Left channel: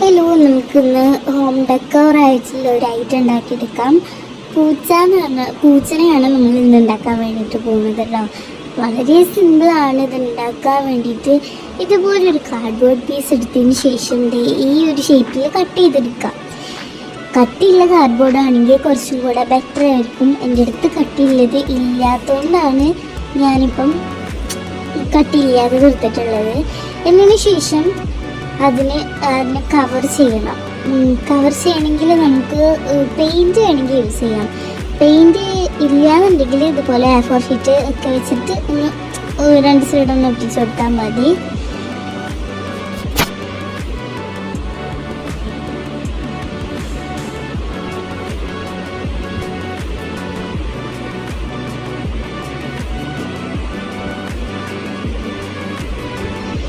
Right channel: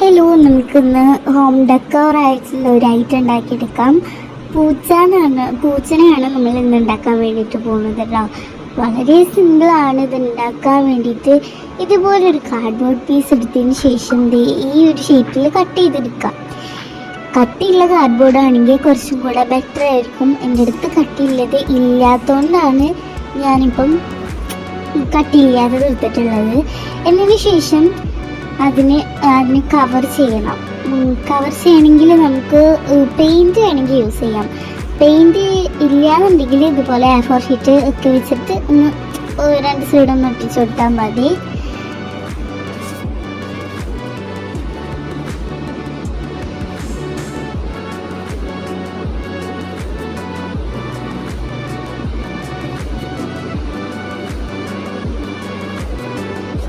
Hello നമുക്കിന്ന് home decor ആയിട്ടുള്ള ഒരു ഐറ്റം ഉണ്ടാക്കിയെടുക്കാം. പൂച്ച എന്ന് പറഞ്ഞാൽ പൂച്ചനെയാണ് നമ്മൾ ഇന്ന് ഉണ്ടാക്കാൻ വേണ്ടിയിട്ട് പോകുന്നത് കേട്ടോ വളരെ സിമ്പിളാണ് ഇത് ഉണ്ടാക്കാൻ വേണ്ടിയിട്ട്. ഇതുപോലൊരു കാർഡ്ബോർഡ് പീസ് എടുത്തതിന് ശേഷം ഈ ഒരു ഷേപ്പിൽ കട്ട് ചെയ്തെടുക്കാം. കട്ടിയുള്ള കാർഡ്ബോർഡ് ആണെങ്കിൽ കുറച്ചും കൂടെ ബെറ്റർ ആയിരിക്കും. എന്റെ അടുത്ത് കട്ടിയുള്ളത് ഇല്ലാത്തതുകൊണ്ടാണ് ഞാനിപ്പം കട്ട് ചെയ്യാതെ കൊടുത്തിട്ടുള്ളത് എന്നതിന് ശേഷം അതിനെ അതിനെ കവർ ചെയ്യണം. കവർ ചെയ്യണമെങ്കിൽ നമുക്ക് പെയിന്റ് വേണമെങ്കിൽ യൂസ് ചെയ്യാം. പെയിന്റ് ഇല്ലാന്നുണ്ടെങ്കിൽ ഇതുപോലെ എ ഫോർ ഷീറ്റ് ഒക്കെ വെച്ചിട്ട് ഒന്ന് രണ്ട് സൈഡൊന്ന് ഒട്ടിച്ച് കൊടുത്താൽ മതി.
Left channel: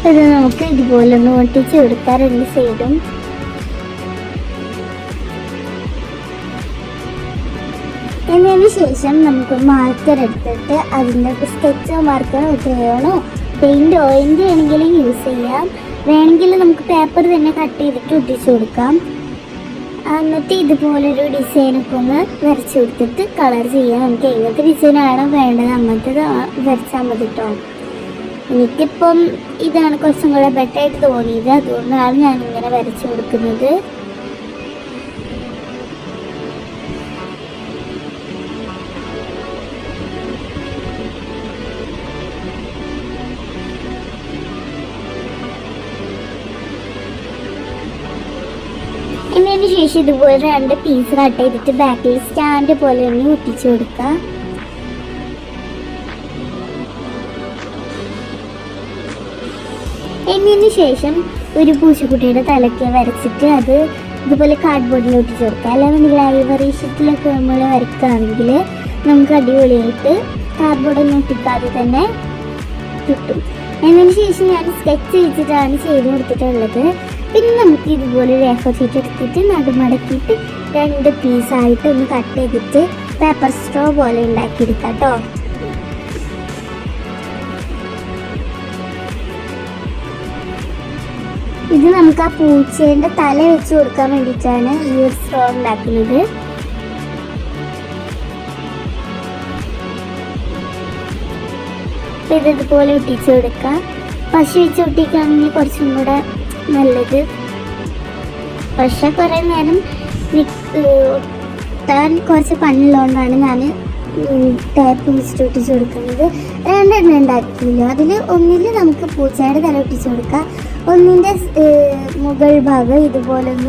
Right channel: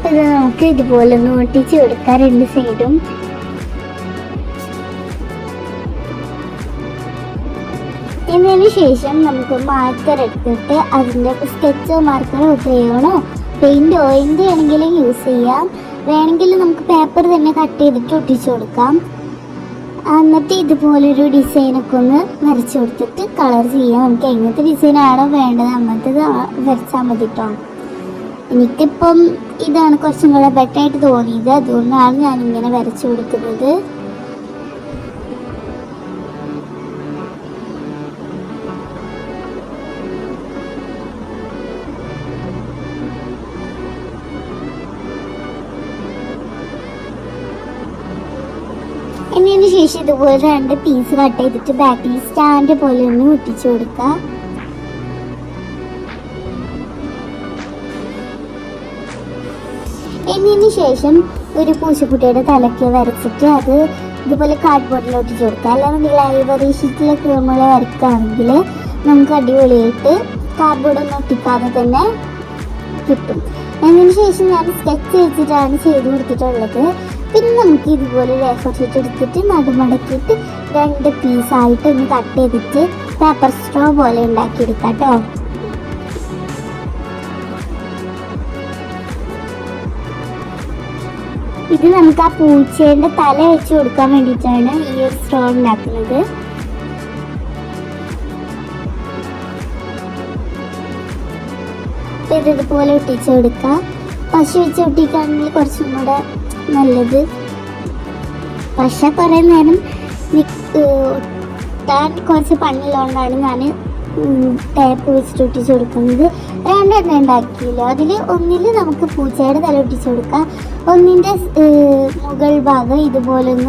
പിന്നെ നമുക്ക് ഇതുപോലെ ഒന്ന് ഒട്ടിച്ച് കൊടുക്കാം രണ്ട് സൈഡും. എന്നതിന് ശേഷം നമുക്ക് മാർക്കർ എടുത്തിട്ട് അതിന്റെ സ്കെച്ച് മാർക്കറോ ചെയ്യണോ പെയിന്റോ ഓയിന്റെ ആണെങ്കിലും യൂസ് ചെയ്യാം. വേണമെങ്കിൽ നമുക്ക് പേപ്പർ തന്നെ കട്ട് ചെയ്തിട്ട് ഒട്ടിച്ചു കൊടുക്കാം. എന്നിട്ട് ഇതുപോലൊരു ഡിസൈനൊക്കെ ഒന്ന് വരച്ചു കൊടുത്തിട്ട് കളർ ചെയ്യാം. നമുക്ക് എങ്ങനത്തെ ഡിസൈനാണോ വേണ്ടത് അങ്ങനത്തെ വരച്ചാൽ മതി കേട്ടോ എനിക്കിപ്പം ഇതാണ് കുറച്ചും കൂടെ ബെറ്റർ ആയിട്ട് തോന്നിയത്. അതുകൊണ്ടാണ് ഞാൻ ഇങ്ങനെ വരച്ചു കൊടുക്കുന്നത്. ശേഷം ഇതുപോലെ രണ്ട് പീസ് കട്ട് ചെയ്തിട്ട് ബാക്കിൽ സ്റ്റാൻഡ് പോലെ തന്നെ ഒട്ടിച്ചു കൊടുക്കുക എന്നതിന് ശേഷം ഒരു പൂച്ചക്കുട്ടിയുടെ തലയ്ക്ക് വരച്ചിട്ട് അത് ഇതുപോലെ കാർഡ്ബോർഡിൽ ഒട്ടിച്ച് കൊടുക്കുക ലൈബ്രറി ഷീറ്റിലൊക്കെ നമ്മൾ വരക്കുകയാണെങ്കിൽ നമുക്ക് അടിപൊളിയായിട്ട് കാർഡ്ബോർഡൊന്നും ഒട്ടിക്കാതെ തന്നെ കിട്ടും. എന്നതിന് ശേഷം ഞാൻ സ്കെച്ച് ചെയ്തിട്ടാണ് ചെയ്ത് കൊടുത്തിട്ടുള്ളത്. പിന്നെ നമുക്ക് ഇതുപോലെ രേഖ ഷീറ്റ് എടുത്തിട്ട് നടുമടക്കിയിട്ട് രണ്ട് പീസായിട്ട് ഒന്ന് കട്ട് ചെയ്തിട്ട് പേപ്പർ സ്ട്രോ പോലെ ഉണ്ടാക്കിയെടുക്കാം കേട്ടോ. ഇത് നമുക്ക് ആ പൂച്ചേന്റെ തല വെച്ച് കൊടുക്കാൻ വേണ്ടിയിട്ടാണ് ഈ ഒരു സ്ട്രോ ഉണ്ടാക്കുന്നത് ഇതുപോലെ ഒട്ടിച്ച് കൊടുക്കുക പശു വെച്ച് ഒട്ടിക്കുകയാണെങ്കിൽ കുറച്ചും കൂടെ നല്ലത്. പക്ഷെ കുറേ നേരം ഒട്ടാൻ കുറച്ച് പണിയുള്ളതുകൊണ്ടാണ് ഞാൻ ടേപ്പ് വെച്ചിട്ട് ഒട്ടിച്ച് കൊടുക്കുന്നത്. രണ്ടെണ്ണം ഉണ്ടാക്കിയില്ല അതിൽ ഒന്നിൽ നമുക്ക് പൂച്ചയുടെ തല ഒട്ടിച്ച് കൊടുക്കാം. ഒന്നിന്റെ മുകൾ ഭാഗം ഇതുപോലെ ഒന്ന്